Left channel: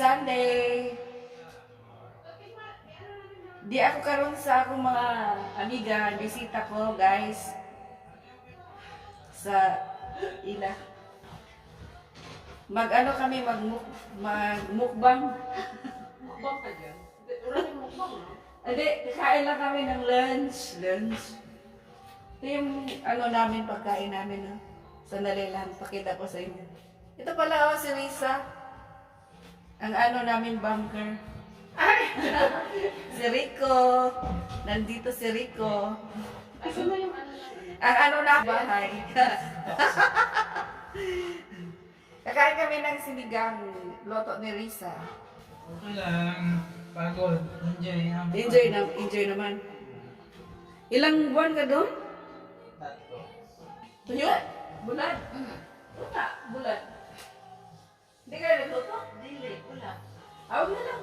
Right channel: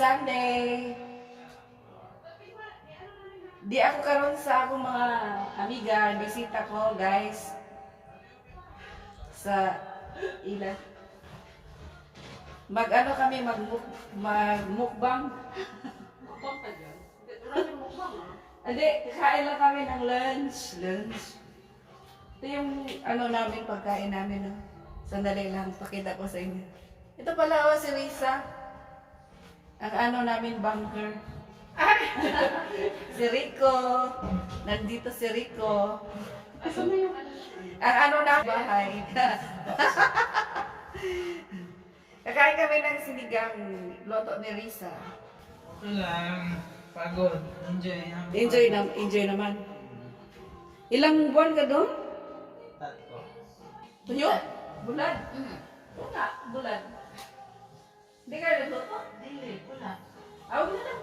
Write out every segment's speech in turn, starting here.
Sunday. Di ako karon sa akong mga amiga, bisita ko guys sa ila. Mag-ano kami, magmukbang. Mukbang ka dyan? Wala yung mukbang ah. Hindi, kakain lang kami ng lunch. Ito yung ano namin, pagkain namin. No? Sandali lang, pakita ko sa inyo. Ito pala si Risa. Ang ano namin, bunker. Si Rico. Nandito si Rico. Asan na yung ano? Ang ano na bahay. Kakain kami ng sinigang loto ni Risa. Okay lang. Pagod. Enjoy. Enjoy naman. Ilang buwan ka doon? Tatlo. Tuyo? Bulad? Wala, bulad. Hindi kayo nagluto? Dili, wala. Awag na lang.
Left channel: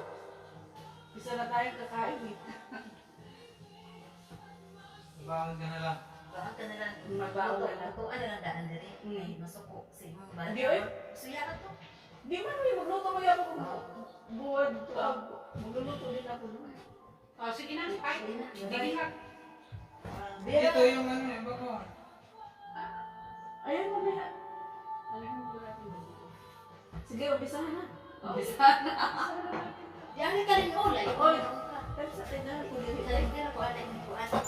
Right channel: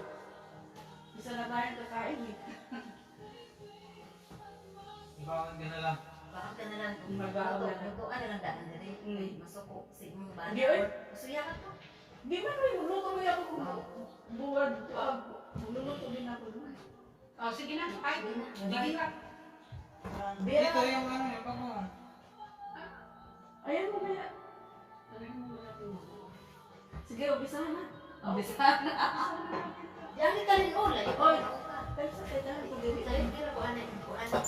Isa na tayong kakain eh. Bakit ka na lang? Bakit ka nilang Mabaw na lang. magtuan nilang daan na rin? Mm. Masuko, sigmong ba? Di, oy. Suya ka to? Di man kayo magluto mo yung buwad. Magluluto din ako doon. Oh, sige na, kahit. Sige na. Sige ka. Di, Dito yung ano, yung bago. ayan mo kaya. Sige, umpisahan na. Diyan ka rin ulay. Oy. Pero sa kailangan ko diri. Kaya ko anay, ko anay.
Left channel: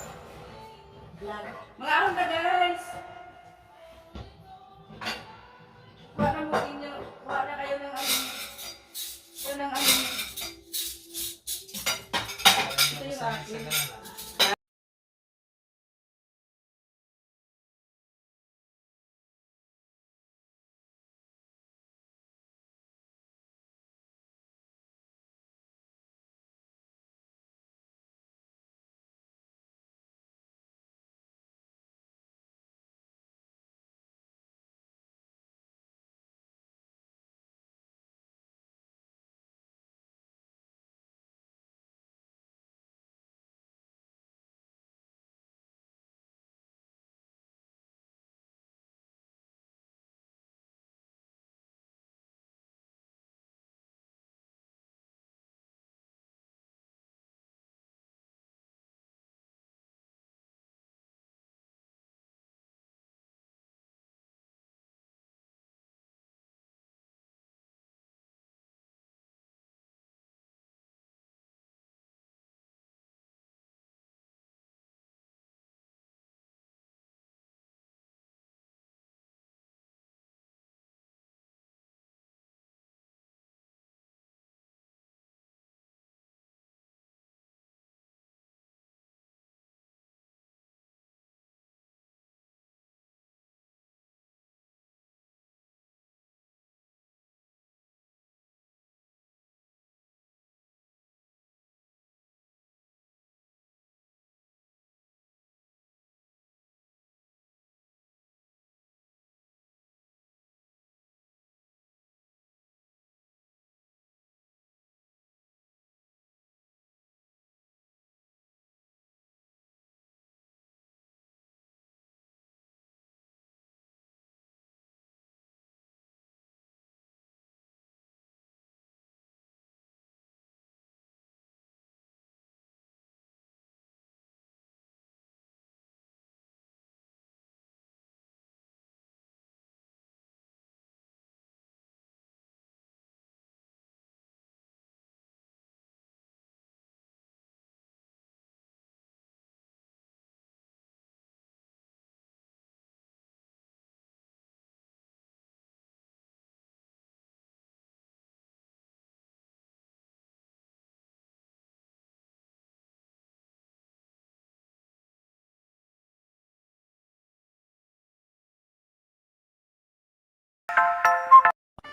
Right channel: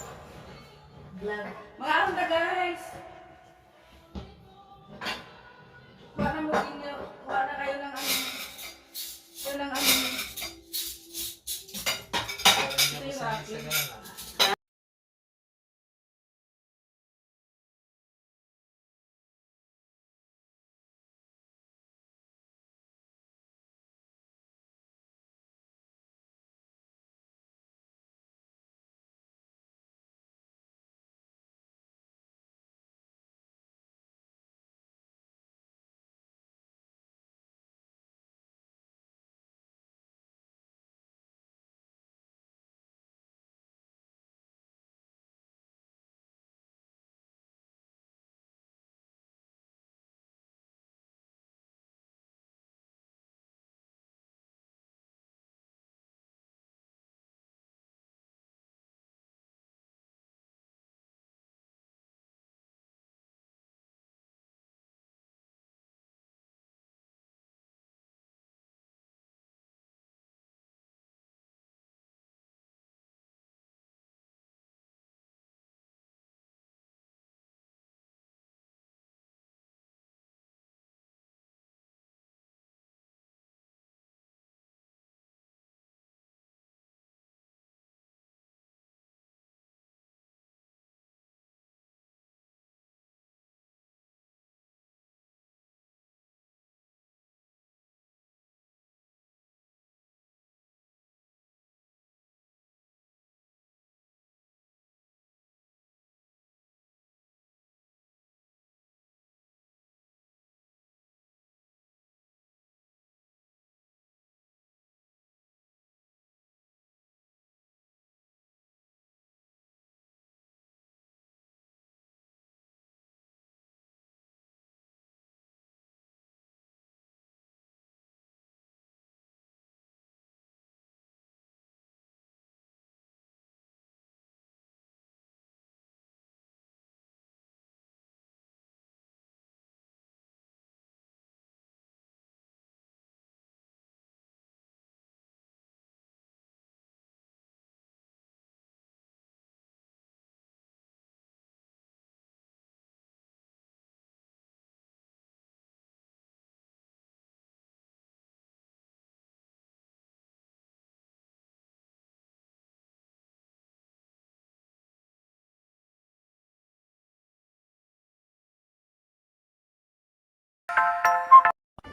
Vlog. Mga aron na guys! Kuha na mo inyo. Kuha na kayo ng ano. Ito ng ano. Ito yung akin.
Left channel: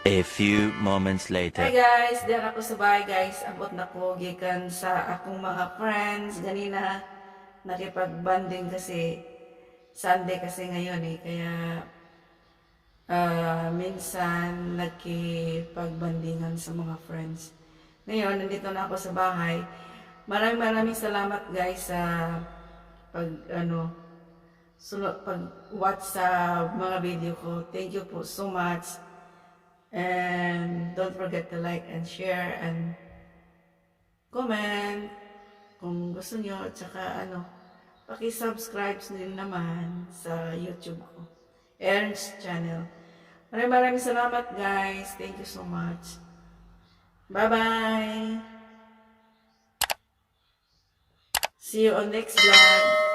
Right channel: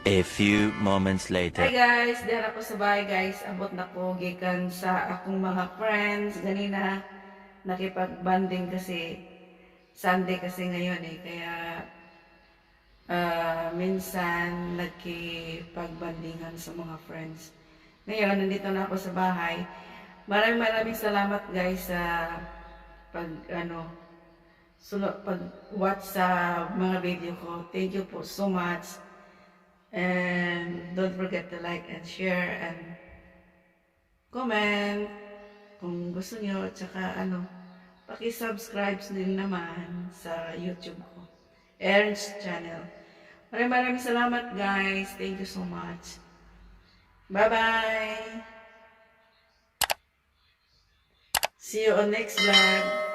A few moments Hi later. guys, diyan ako sa bahay guys. Abot na ko gikan sa akong mga friends. Ganina nakipag-banding kasi Sunday kasi ngayon eh. Kaya minsan nagkipag-bandingan sa mga friends. Ngayon, nandito na ako sa bahay. Maraming salamat guys sa pag watch sa mga video ko. Thank you po so much. And don't forget to like and share and comment kung gusto nyo. At saka paki-subscribe din naman sa YouTube ko. Ernst Channel. Maraming salamat guys. Thank you so much. Bye-bye. See you on next vlog.